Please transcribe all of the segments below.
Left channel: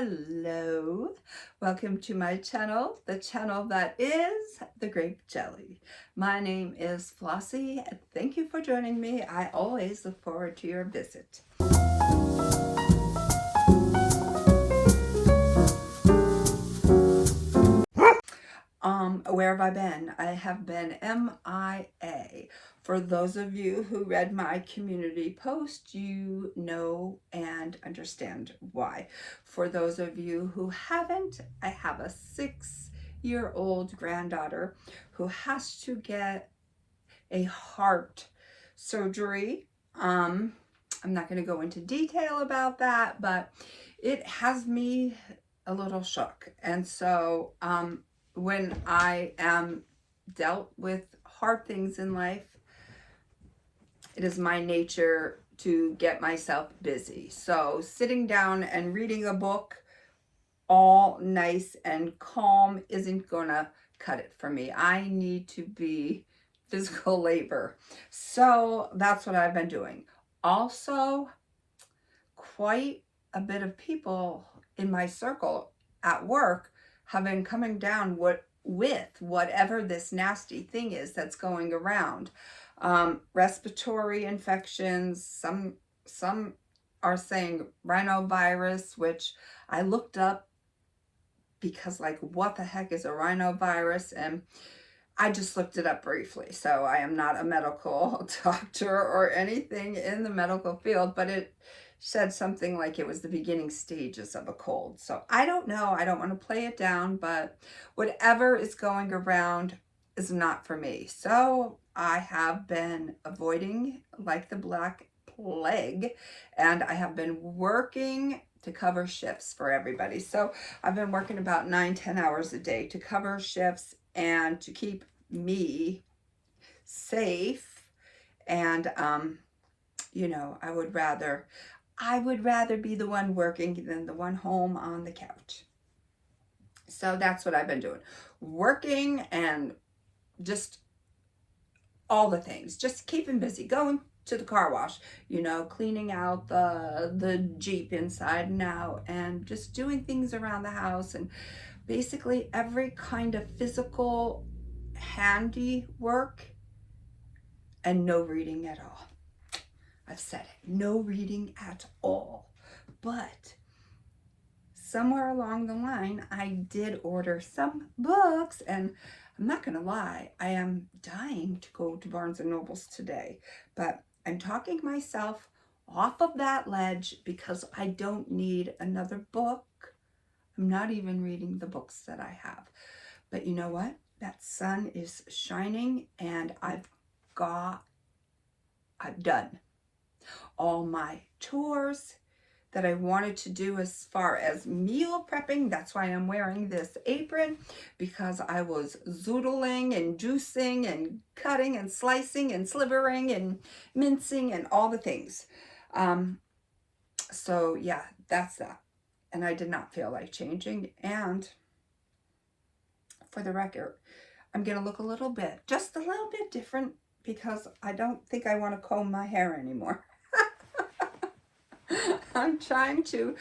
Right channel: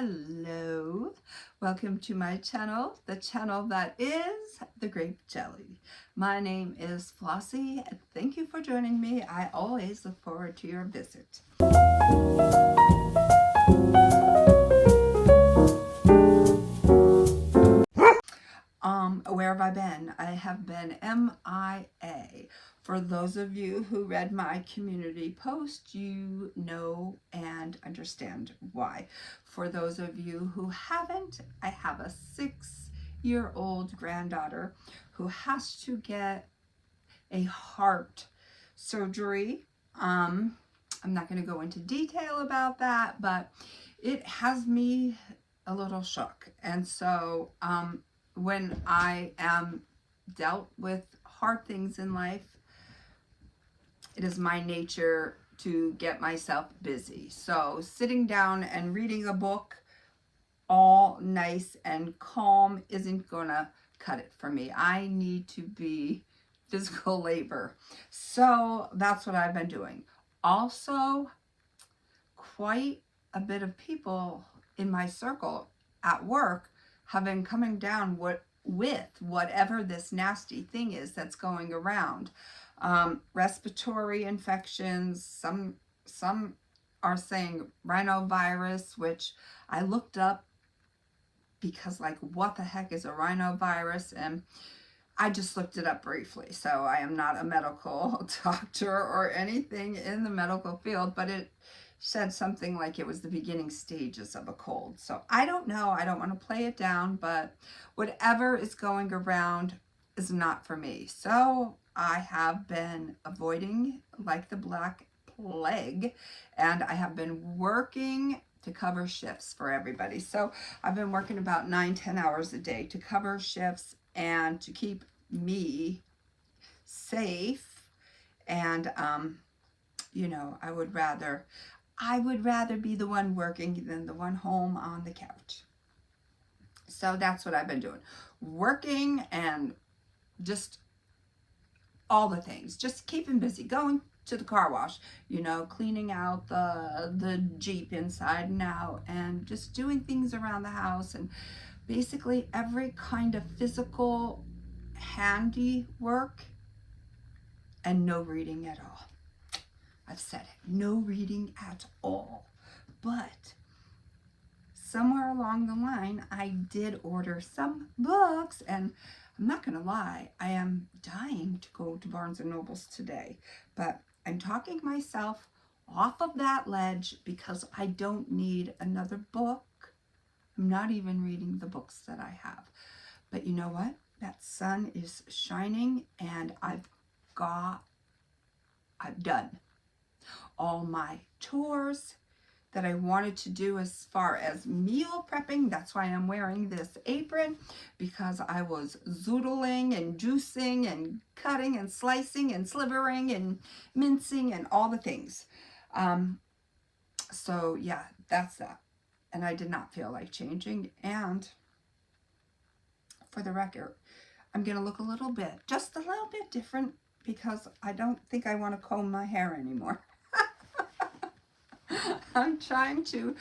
Hello, welcome to my channel, the channel that is the Grape Jelly. My name is Flossie. Thank you for joining me. I always look forward to your visit. Where have I been? I have been MIA. For those of you who read my community post, you know and understand why. For those of you who haven't, I have a 6-year-old granddaughter who has to get a heart surgery. I'm not going to go into detail about that, but it has me a little shook. And so when I am dealt with hard things in life, it is my nature to get myself busy. So sitting down and reading a book all nice and calm isn't gonna cut it for me. I need to be physical labor. So that's what I've been doing. Also, quite a bit of people in my circle at work have been coming down with whatever this nasty thing is that's going around. Respiratory infections, some are saying rhinovirus, which I looked up because, like, what the heck is a rhinovirus? And I just looked it up briefly. So I am not a medical doctor or anything in the medical field, but it said something like it was the beginning stages of a cold. So I don't know. I don't want to play it down, but whatever is going around is not for me. So I have been avoiding like the Black Plague, and I have been working to cover shifts for everybody. So I've been working about 9-10 hours a day to cover shifts and to keep me safe. And you know, I would rather be the one working than the one home on the couch. So that's what I've been doing. Working and just all the things. Just keeping busy. Going to the car wash, you know, cleaning out the Jeep inside and out, and just doing things around the house, and basically every kind of physical handiwork, and no reading at all. I've said it, no reading at all. But somewhere along the line, I did order some books, and I'm not going to lie, I am dying to go to Barnes & Noble's today. But I'm talking myself off of that ledge because I don't need another book. I'm not even reading the books that I have. But you know what? That sun is shining, and I've done all my chores that I wanted to do as far as meal prepping. That's why I'm wearing this apron, because I was zoodling and juicing and cutting and slicing and slivering and mincing and all the things. So yeah, that's that. And I did not feel like changing. And for the record, I'm going to look a little bit, just a little bit different, because I don't think I want to comb my hair anymore. I'm trying to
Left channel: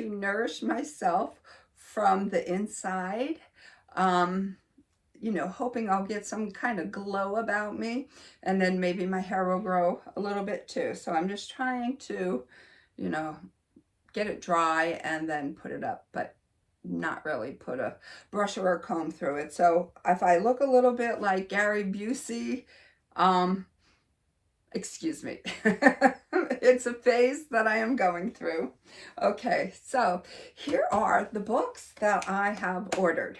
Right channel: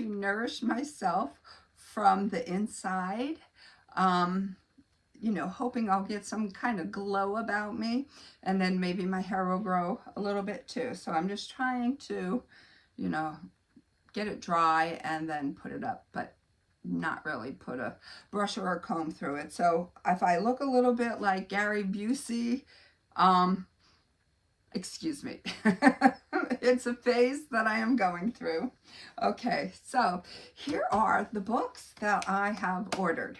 nourish myself from the inside, you know, hoping I'll get some kind of glow about me, and then maybe my hair will grow a little bit too. So I'm just trying to, you know, get it dry and then put it up, but not really put a brush or a comb through it. So if I look a little bit like Gary Busey, excuse me. It's a phase that I am going through. Okay, so here are the books that I have ordered.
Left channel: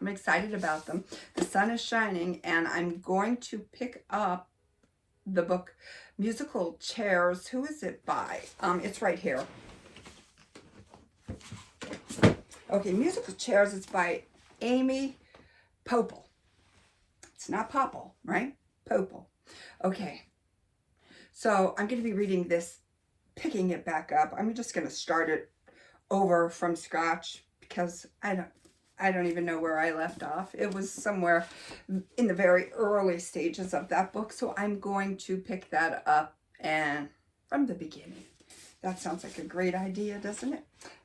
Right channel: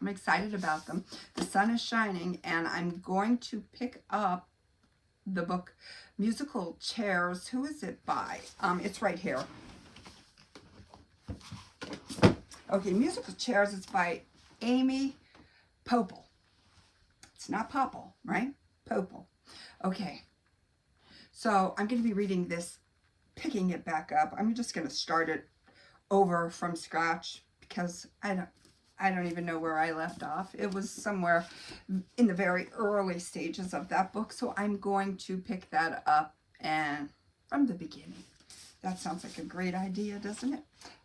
I'm excited about them. The sun is shining, and I'm going to pick up the book Musical Chairs. Who is it by? It's right here. Okay, Musical Chairs is by Amy Poepple. It's not Poepple, right? Poepple. Okay. So I'm going to be reading this, picking it back up. I'm just going to start it over from scratch because I don't even know where I left off. It was somewhere in the very early stages of that book. So I'm going to pick that up and from the beginning. That sounds like a great idea, doesn't it?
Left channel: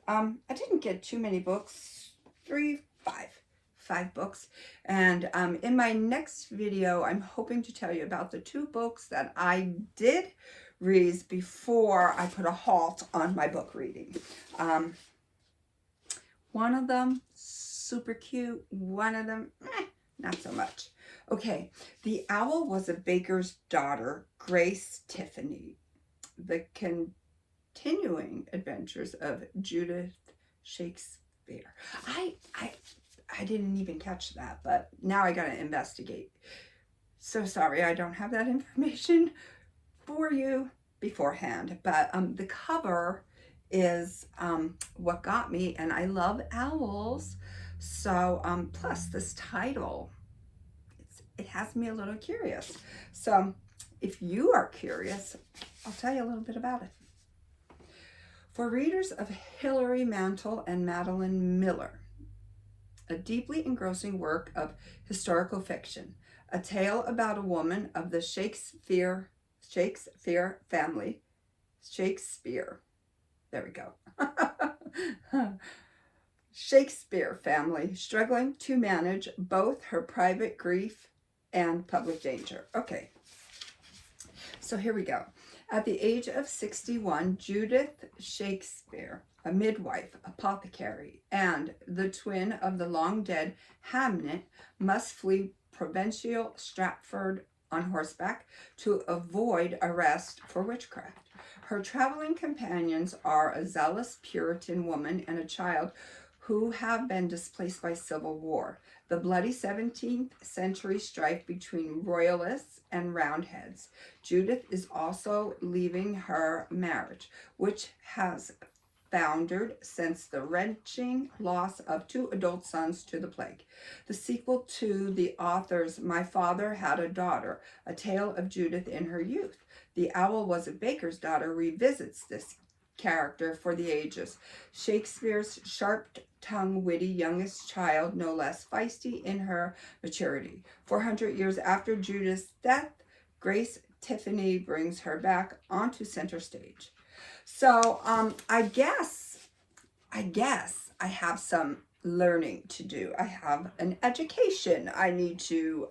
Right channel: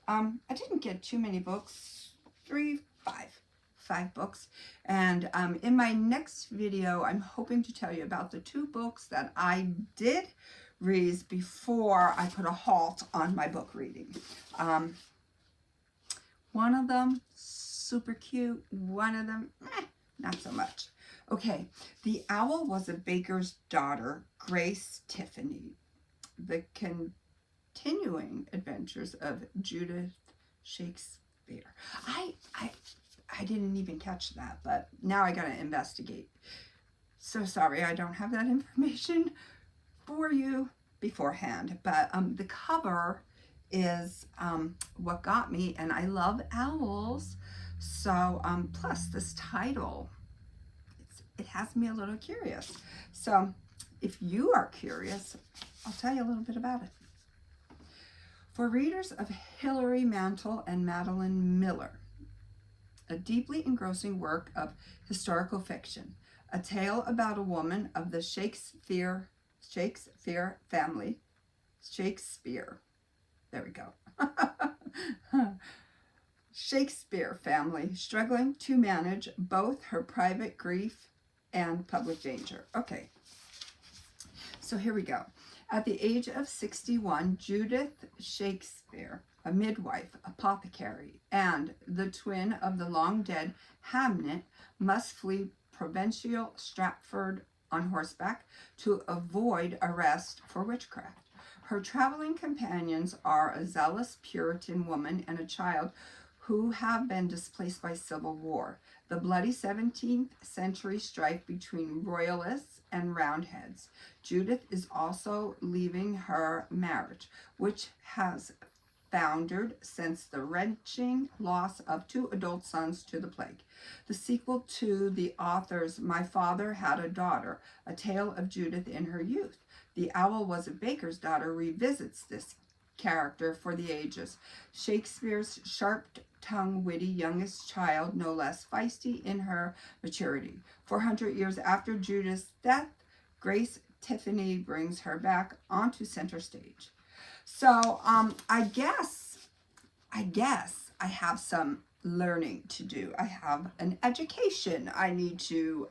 I didn't get too many books, five books. And in my next video, I'm hoping to tell you about the 2 books that I did read before I put a halt on my book reading. One of them, super cute. One of them, not so much. Okay, The Owl Was a Baker's Daughter, Grace Tiffany. The Continuing Adventures of Judith Shakespeare. I didn't even catch that, but now I gotta investigate. So sorry, I don't have that information for you beforehand, but the cover is what got me, and I love owls. So plus this title, it has me a little curious. So if you are curious, I'll tell you a little bit about it. For readers of Hilary Mantel and Madeline Miller, a deeply engrossing work of historical fiction, a tale about a woman of the Shakespeare family. Shakespeare. There we go. Shakespeare family struggling to manage both her private grief and public danger. Okay, so here we go. At the age of 61, Judith Shakespeare, a midwife, apothecary, and the twin of the long-dead Hamnet, must flee provincial Stratford on horseback to avoid arrest for witchcraft. Her traveling companions are a zealous Puritan woman and a child who have been displaced by civil war, the bloody 17th century strife between royalists and roundheads. Judith is also leaving her marriage, which has foundered since the wrenching loss of 2 adult sons to the plague. The sequel to the author's My Father Had a Daughter, a tale of Judith in her youth. The Owl Was a Baker's Daughter revisits this character for the ages. Shakespeare's sharp-tongued, witty youngest child, no less feisty in her maturity. 400 years after Judith's death, Grace Tiffany brings her back onto center stage. So I guess I have some learning to do. I have an education I need to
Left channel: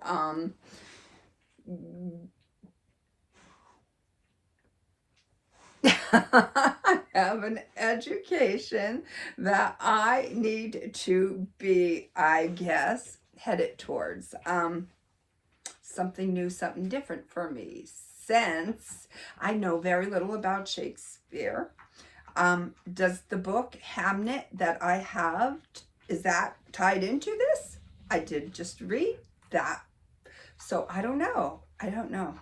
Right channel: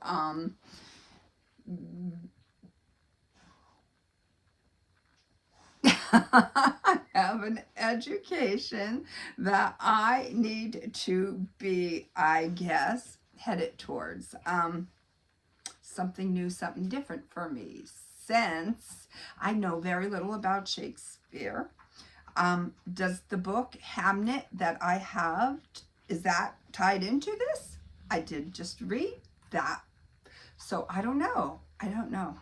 I have an education that I need to be, I guess, headed towards. Something new, something different for me, since I know very little about Shakespeare. Does the book Hamnet that I have, is that tied into this? I did just read that. So I don't know. I don't know.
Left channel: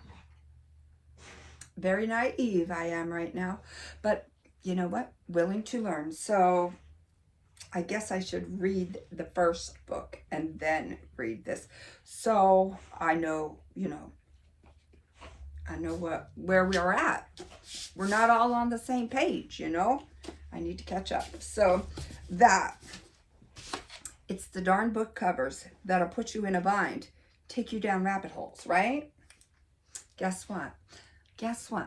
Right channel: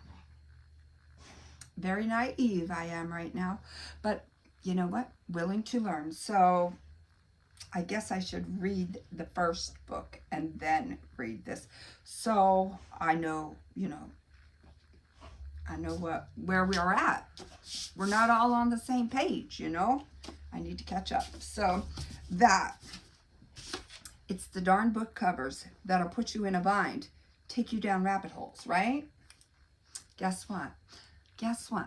Very naive I am right now, but you know what? Willing to learn. So I guess I should read the first book and then read this. So I know, I know where we are at. We're not all on the same page, I need to catch up. So it's the darn book covers that'll put you in a bind, take you down rabbit holes, right? Guess what?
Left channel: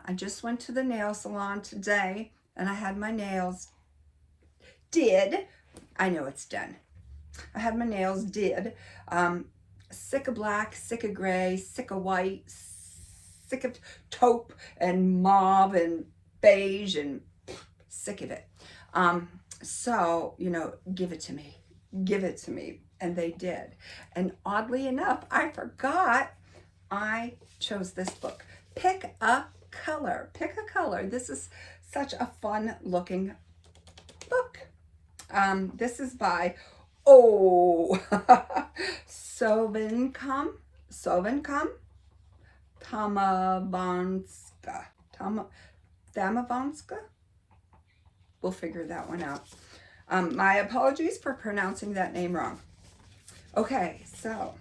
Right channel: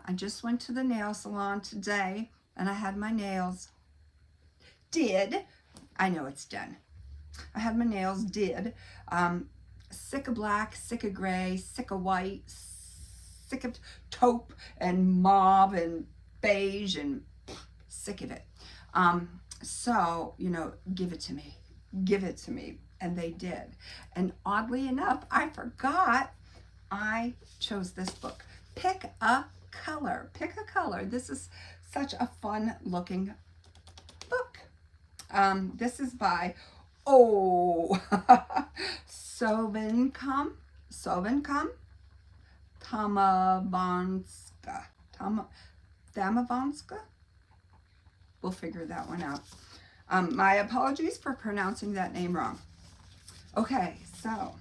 I just went to the nail salon today and I had my nails did. I know it's done. I had my nails did. Sick of black, sick of gray, sick of white, sick of taupe and mauve and beige, and sick of it. So, give it to me. Give it to me. And they did. And oddly enough, I forgot I chose this book. Pick a color. Pick a color. This is such a fun looking book. This is by Souvankham, Thammavongsa. We'll figure that one out. My apologies for pronouncing that name wrong. Okay, so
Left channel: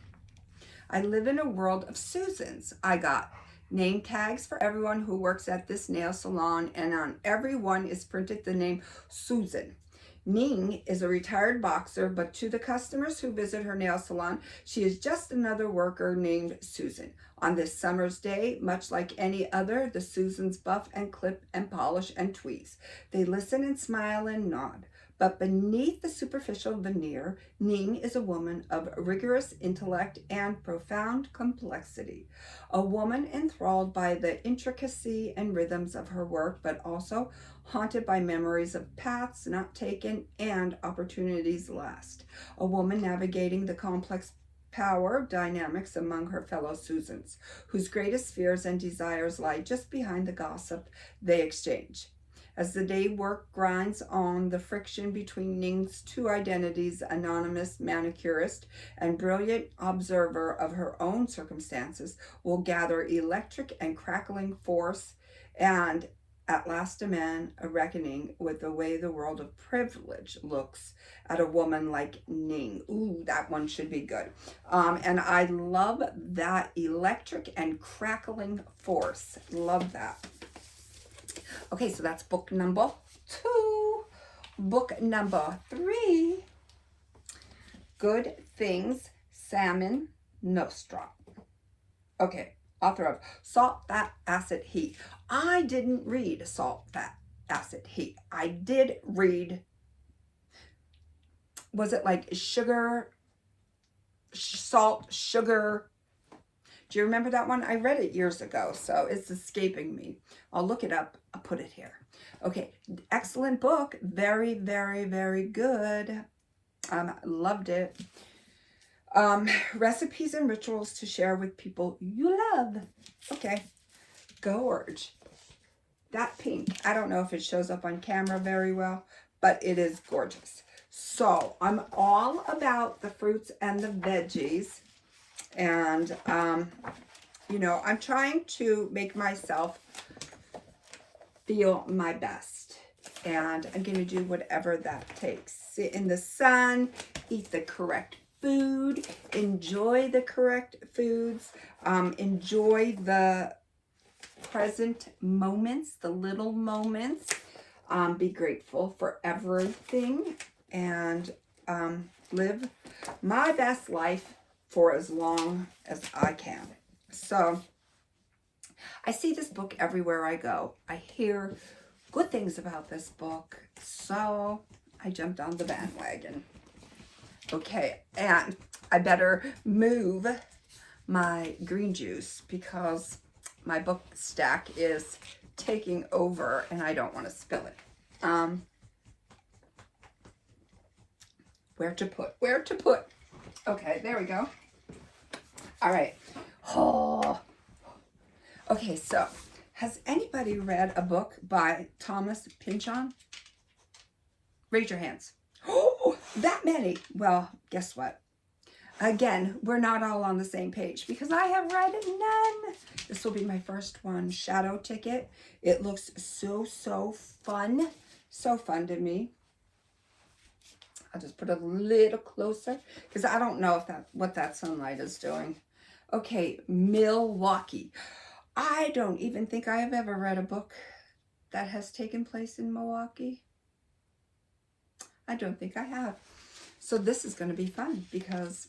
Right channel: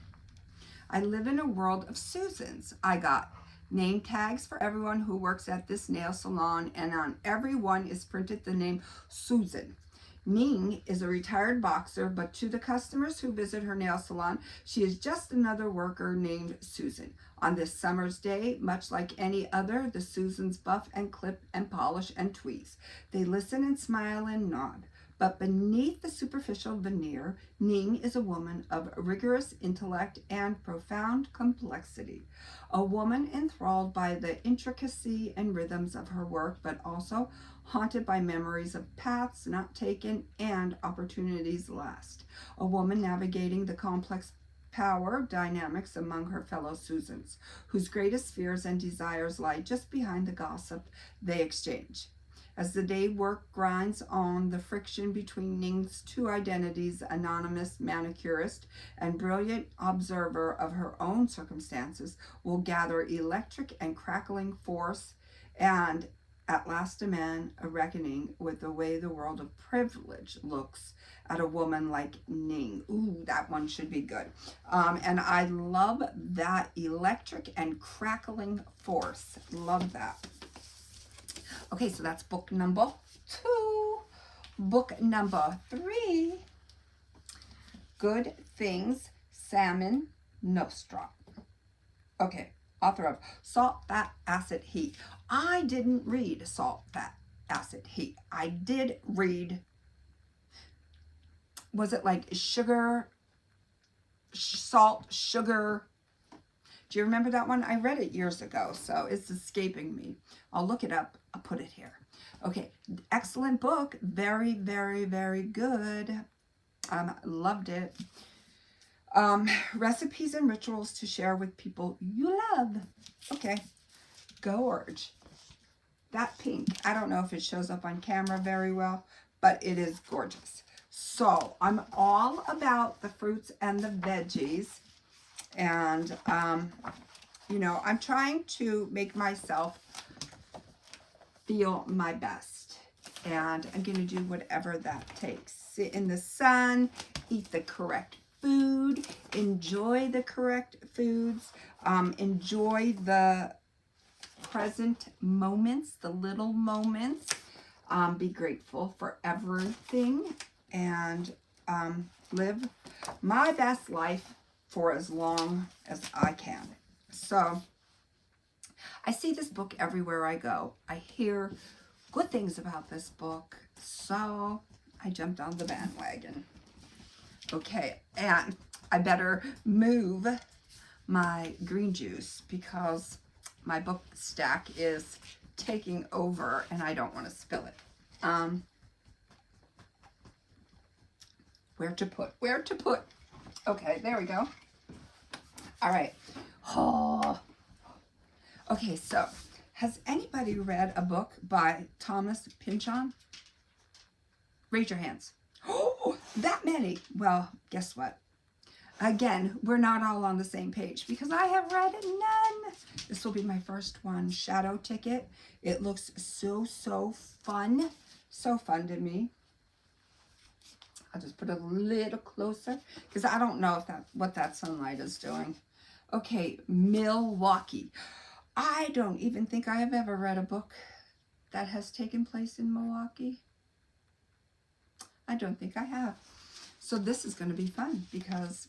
I live in a world of Susans. I got name tags for everyone who works at this nail salon, and on every one is printed the name Susan. Ning is a retired boxer, but to the customers who visit her nail salon, she is just another worker named Susan. On this summer's day, much like any other, the Susans buff and clip and polish and tweeze. They listen and smile and nod. But beneath the superficial veneer, Ning is a woman of rigorous intellect and profound complexity. A woman enthralled by the intricacy and rhythms of her work, but also haunted by memories of paths not taken and opportunities lost. A woman navigating the complex power dynamics among her fellow Susans, whose greatest fears and desires lie just behind the gossip they exchange. As the day work grinds on, the friction between Ning's two identities, anonymous manicurist and brilliant observer of her own circumstances, will gather electric and crackling force and at last demand a reckoning with the way the world of privilege looks at a woman like Ning. Ooh, that one should be good. And I love that electric and crackling force. Love that. Okay, so that's book number 2. Book number 3, Good Things, Samin, Nosrat. Okay, author of Salt, Fat, Acid, Heat. I didn't read Salt, Fat, Acid, Heat. I did read, was it like sugar, salt, sugar? Do you remember that one? I read it years ago, so it's escaping me. I'll look it up. I'll put it here. Okay, excellent book. Very, very, very good. Loved it. Recipes and rituals to share with people you love. Okay, gorge. That pink, I don't know if it shows up on camera very well, but it is gorgeous. So I'm all about the fruits and the veggies. And, you know, I'm trying to make myself feel my best. And I'm going to do whatever that takes. Sit in the sun, eat the correct food, enjoy the correct foods, enjoy the present moments, the little moments, be grateful for everything, and live my best life for as long as I can. So I see this book everywhere I go. I hear good things about this book, so I jumped on the bandwagon. Okay, and I better move my green juice because my book stack is taking over and I don't want to spill it. Where to put? Okay, there we go. All right. Oh. Okay, so has anybody read a book by Thomas Pynchon? Raise your hands. Oh, that many. Well, guess what? Again, we're not all on the same page because I have read none. This will be my first one, Shadow Ticket. It looks so fun. So fun to me. I'll just put it a little closer because I don't know if what that sunlight is doing. Okay, Milwaukee. I don't even think I have ever read a book that has taken place in Milwaukee. I don't think I have. So this is going to be fun because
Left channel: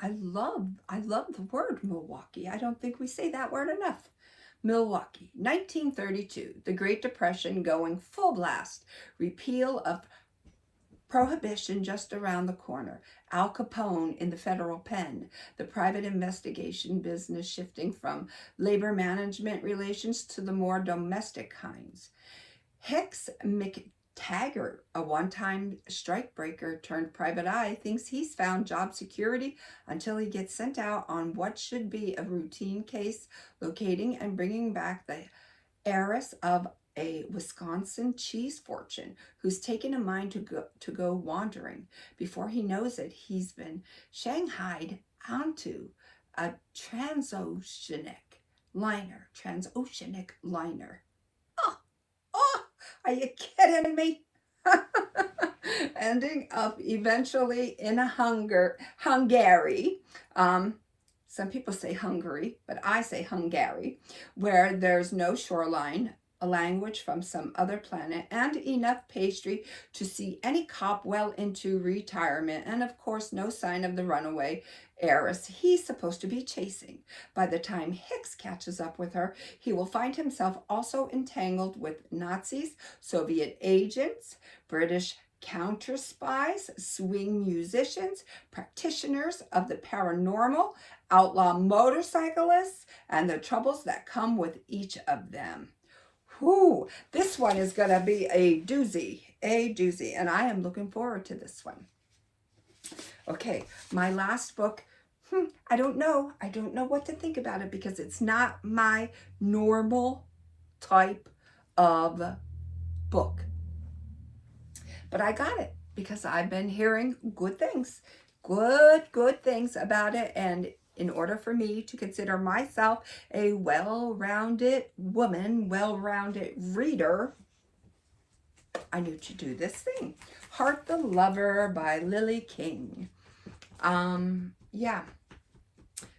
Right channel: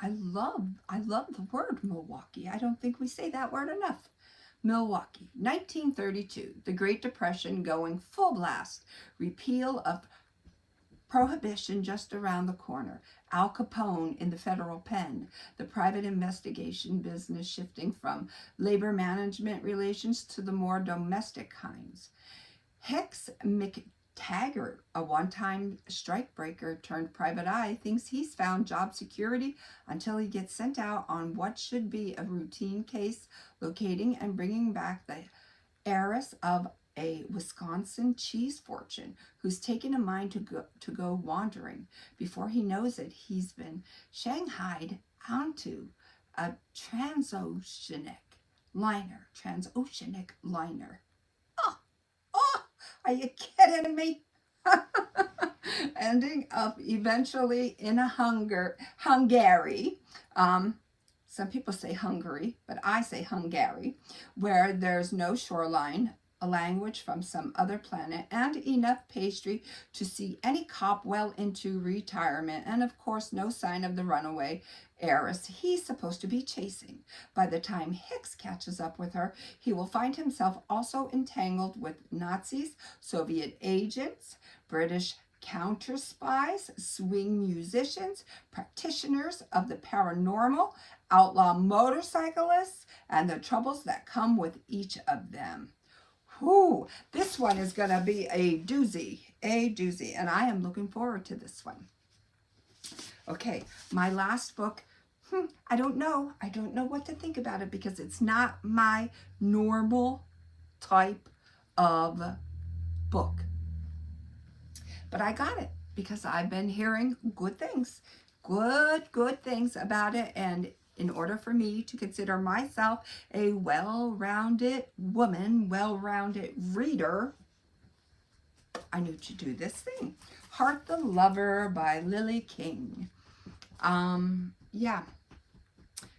I love the word Milwaukee. I don't think we say that word enough. Milwaukee, 1932, the Great Depression going full blast. Repeal of Prohibition just around the corner. Al Capone in the federal pen. The private investigation business shifting from labor management relations to the more domestic kinds. Hicks McTaggart, a one-time strikebreaker turned private eye, thinks he's found job security until he gets sent out on what should be a routine case, locating and bringing back the heiress of a Wisconsin cheese fortune who's taken a mind to go wandering. Before he knows it, he's been shanghaied onto a transoceanic liner. Oh, are you kidding me? Ending up eventually in a Hungary. Some people say Hungary, but I say Hungary, where there's no shoreline, a language from some other planet, and enough pastry to see any cop well into retirement, and of course no sign of the runaway heiress he's supposed to be chasing. By the time Hicks catches up with her, he will find himself also entangled with Nazis, Soviet agents, British counter spies, swing musicians, practitioners of the paranormal, outlaw motorcyclists, and the troubles that come with each of them. Whew, this one is going to be a doozy, and I am looking forward to this one. Okay, my last book, I don't know what to think about it because it's not my normal type of book. But I got it because I've been hearing good things about it. And in order for me to consider myself a well-rounded woman, well-rounded reader, I knew to do this thing. Heart the Lover by Lily King. Yeah.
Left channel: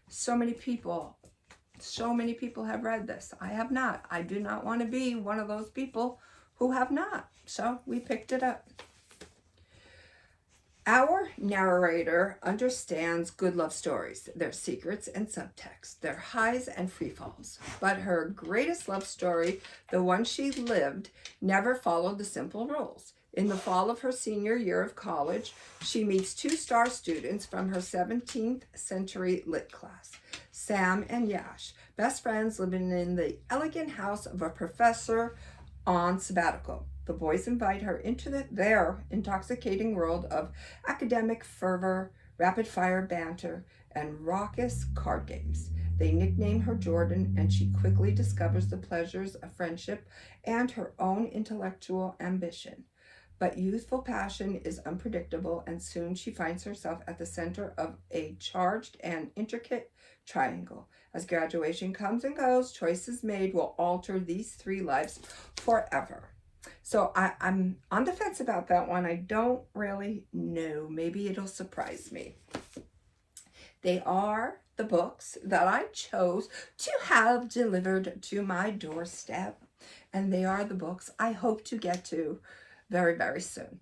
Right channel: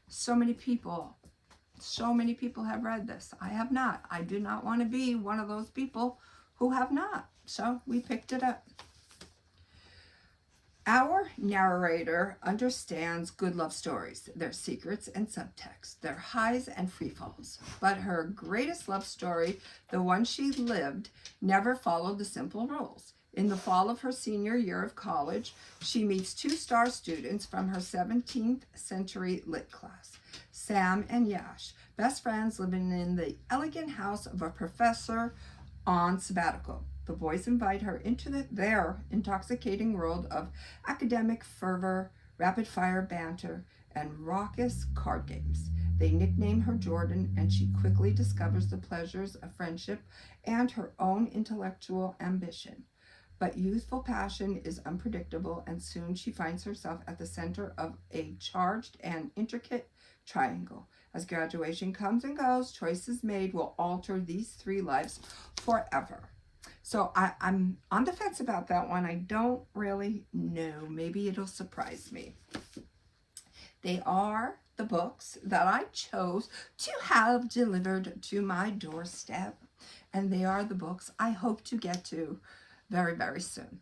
So many people have read this. I have not. I do not want to be one of those people who have not. So we picked it up. Our narrator understands good love stories, their secrets and subtext, their highs and free falls. But her greatest love story, the one she lived, never followed the simple rules. In the fall of her senior year of college, she meets two star students from her 17th century lit class, Sam and Yash, best friends living in the elegant house of a professor on sabbatical. The boys invite her into their intoxicating world of academic fervor, rapid-fire banter, and raucous card games. They nickname her Jordan, and she quickly discovers the pleasures of friendship and her own intellectual ambition. But youthful passion is unpredictable, and soon she finds herself at the center of a charged and intricate triangle. As graduation comes and goes, choices made will alter these three lives forever. So I'm on the fence about that one. I don't really know. Maybe it'll surprise me. They are the books that I chose to have delivered to my doorstep. And they are the books I hope to get to very, very soon.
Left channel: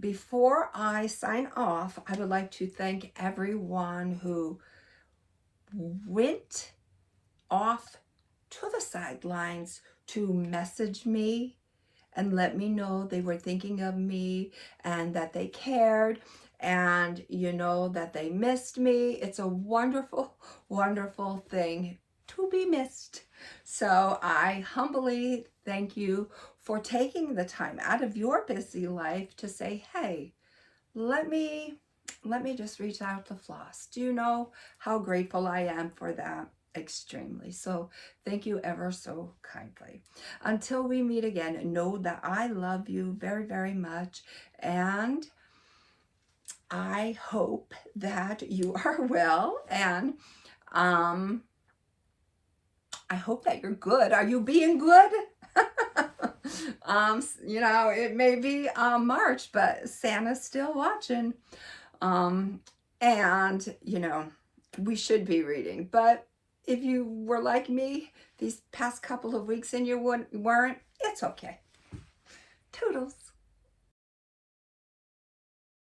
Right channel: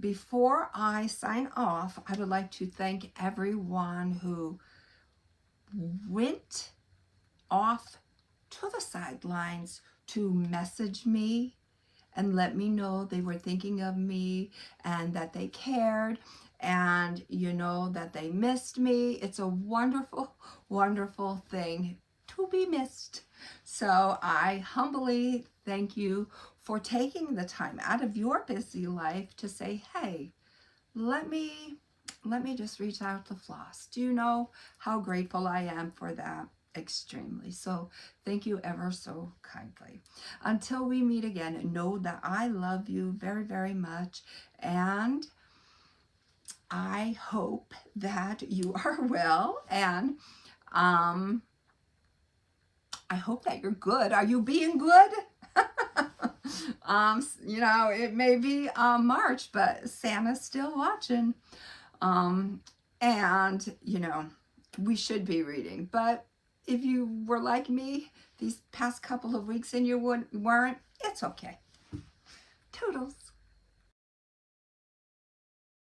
Before I sign off, I would like to thank everyone who went off to the sidelines to message me and let me know they were thinking of me and that they cared and, you know, that they missed me. It's a wonderful, wonderful thing to be missed. So I humbly thank you for taking the time out of your busy life to say, hey, let me just reach out to Floss. Do you know how grateful I am for that? Extremely. So thank you ever so kindly. Until we meet again, know that I love you very, very much. And I hope that you are well. And I hope that you're good. Are you being good? You know, it may be March, but Santa's still watching. And, you know, we should be reading. But if you were like me these past couple of weeks and you weren't, it's okay. Toodles.